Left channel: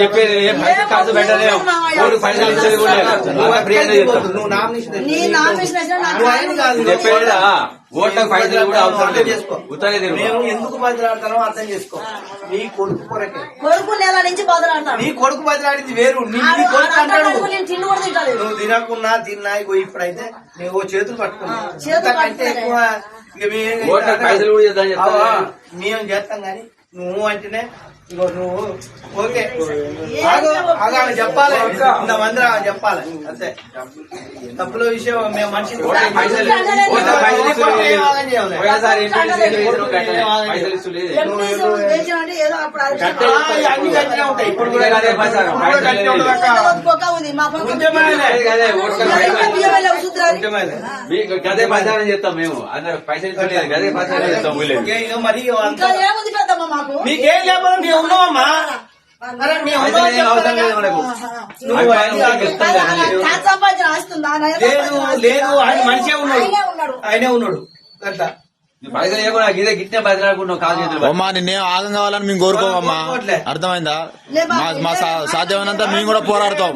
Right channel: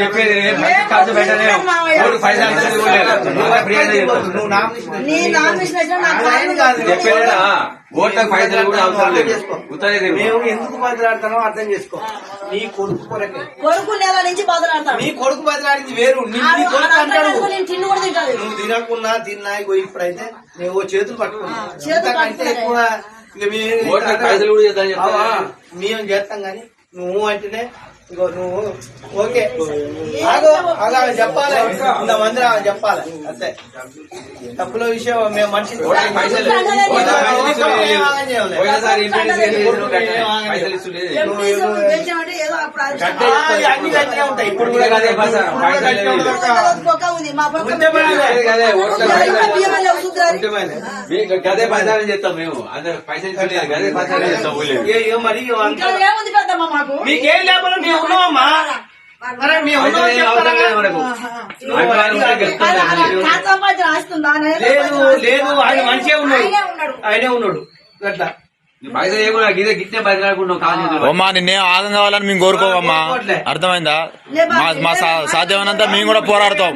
చెప్పేది ఖర్చు పెట్టలే పైసలు చెప్పేదా ఓట్ల పైసలు కూడా అవసరం లేదు. ఎందుకు బదిలాడతానో అర్థం చేసుకో. నీ కొడుకు కొరకే కొడుకు నెల నుంచి బదులాడతాను. నీ కొడుకు బదిలాడింది వేరు. నువ్వు తినకున్నా తిన్నా ఇప్పుడైతే నువ్వు చేతులు పట్టుకున్నా అంటే ఎక్కువ పైసలు కూడా మేము చేస్తాం గాని నువ్వు అంటేనే ఇగో నువ్వు ఓకే ఆమె చెప్పాలి. ఇంతమంది ఆమె చెప్పాలి అంతే. తప్పుల విషయం మేము మనిషి అన్ని గట్టిగా ఉంటాయి. ఇప్పుడు కూడా గదే ప్రచారం చేస్తాం మేము. అందరూ పైసలు గదే ప్రచారం చేస్తాం. మరి మీకేం లేకపోతే మేము ఉన్నామమ్మా. లేదు ఆయన మంచిగా ఉన్నాడు. ఆయనే ఉన్నాడు అట్లా గిట్టే బదిలాడుకున్నావు కాదు. అమ్మా నిన్నేం ఆగం కావాలని మేము కోరుకోవమ్మా. అర్థమైందా? మా సాధ్యమైనంత మేము కూడా పోరాడతాం.